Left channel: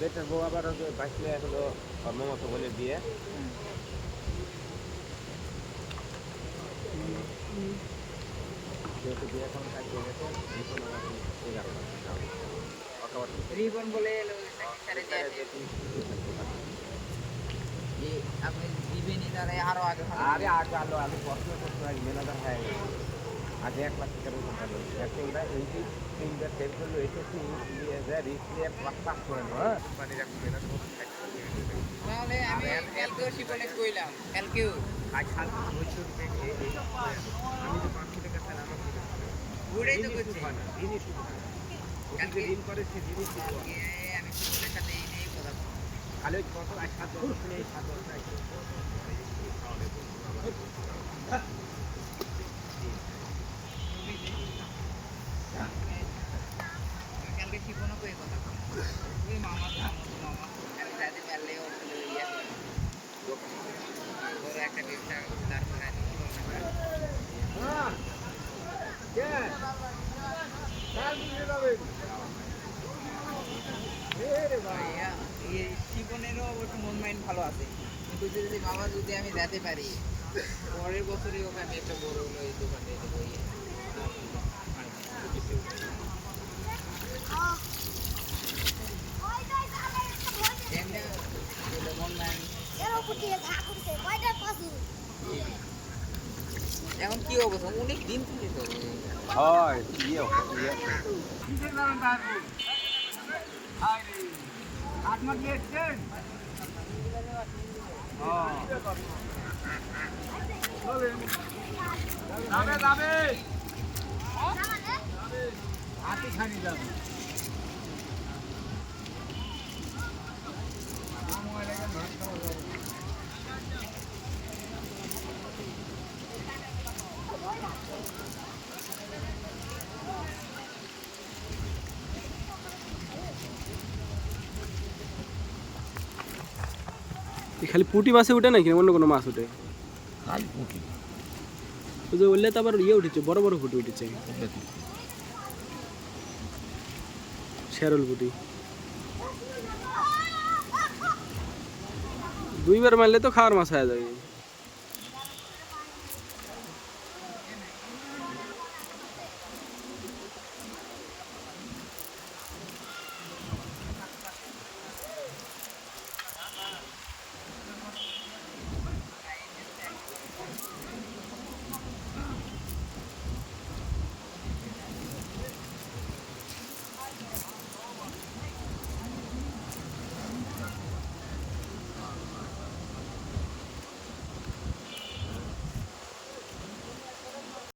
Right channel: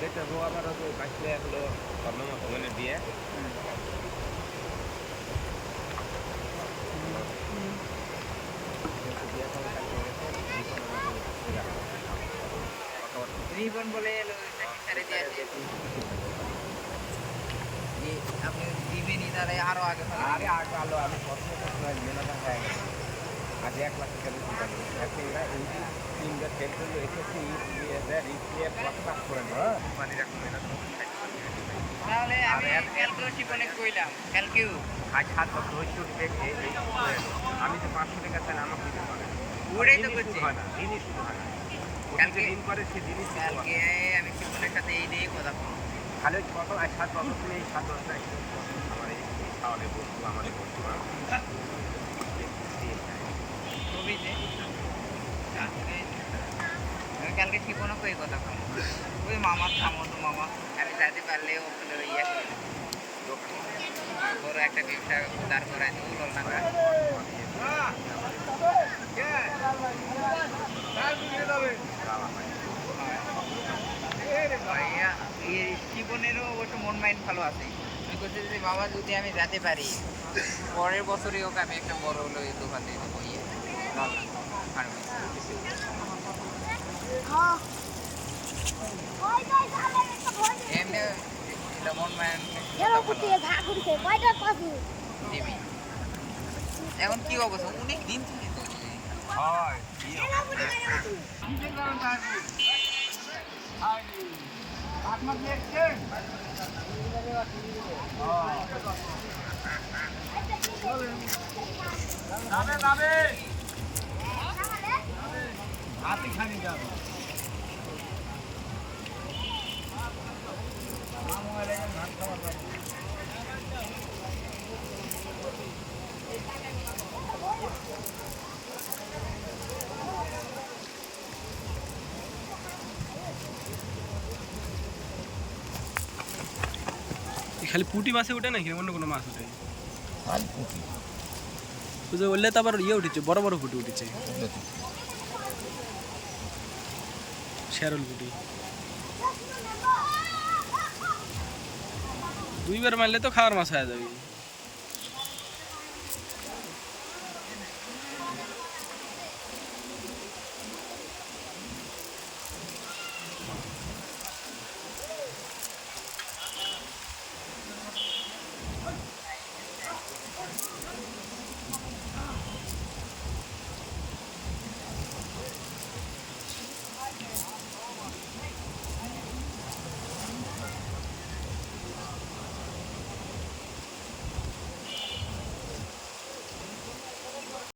Better বউ আবার হলো মনে বিয়ে রিবন বলে দিয়ে আপনি দিবেনই তাহলে আরও আগে আরে আগে আলো আমি পড়াশোনা করতে ম্যানেজার হয়ে গেছে আগে এক লাখ টাকা বেতন পাবো এখন এরা এই যে তিনটা ফেল করলে এসেছি রিস্ক নিয়ে এক লাখ কাজ করে না কোম্পানির এখন ম্যানেজার তাহলে আমি কালকেও শিপনে কইলাম কালকেও আজ সাত বছর করে এলো। আমি যে পাঁচশো টাকা চাই আমাকে দিতে পারে ওটাই তো করছি। হয় না ঋণই শুধু হয় না। কালকে- ঋণ করে সে ঋণই কালকে আমি শিপনের সাথে এই নিয়ে কথা বলব। কত আজ সাত বছর তুমি এই সাত বছর আজ আমার এই এই খাওয়ালে বন্ধু আমাদের বন্ধু হ্যাঁ ছবি যে আমি কালকে শিপনও কই কথা কম ওই মামার থামো তো মামা আমি যাতে পারলে ওখানে ওই ইয়ে দোকান বড় একটা ব্যবসা দাঁড় করাই দেবো ভাইয়া, শিপনেরও অবশ্য মন মাইন্ড ভালো আছে। আমি বলছি যে বাবা যদি আমি যেতে পারি পরের বছরই ওকে আমি একটা বড় হলো দোকান দিয়ে দেবো ইয়ে। মন দিবি এখন কি অবস্থা? অনেক দিন থেকে তো হয় ইয়ে খানি যাবে ভাত খাবার যাব এই খালি পুঁটি মাছে উঠে নাকি? অন্য কোনো মাছ উঠে? খালি পুঁটি। যে উঠলে তো আবার ইয়ে উঠেছে বড় বড় পুঁটি উঠেছে। শেরল পুঁটি। দুইবার মারলে তো খাওয়ার মাছ হয়ে যাবে।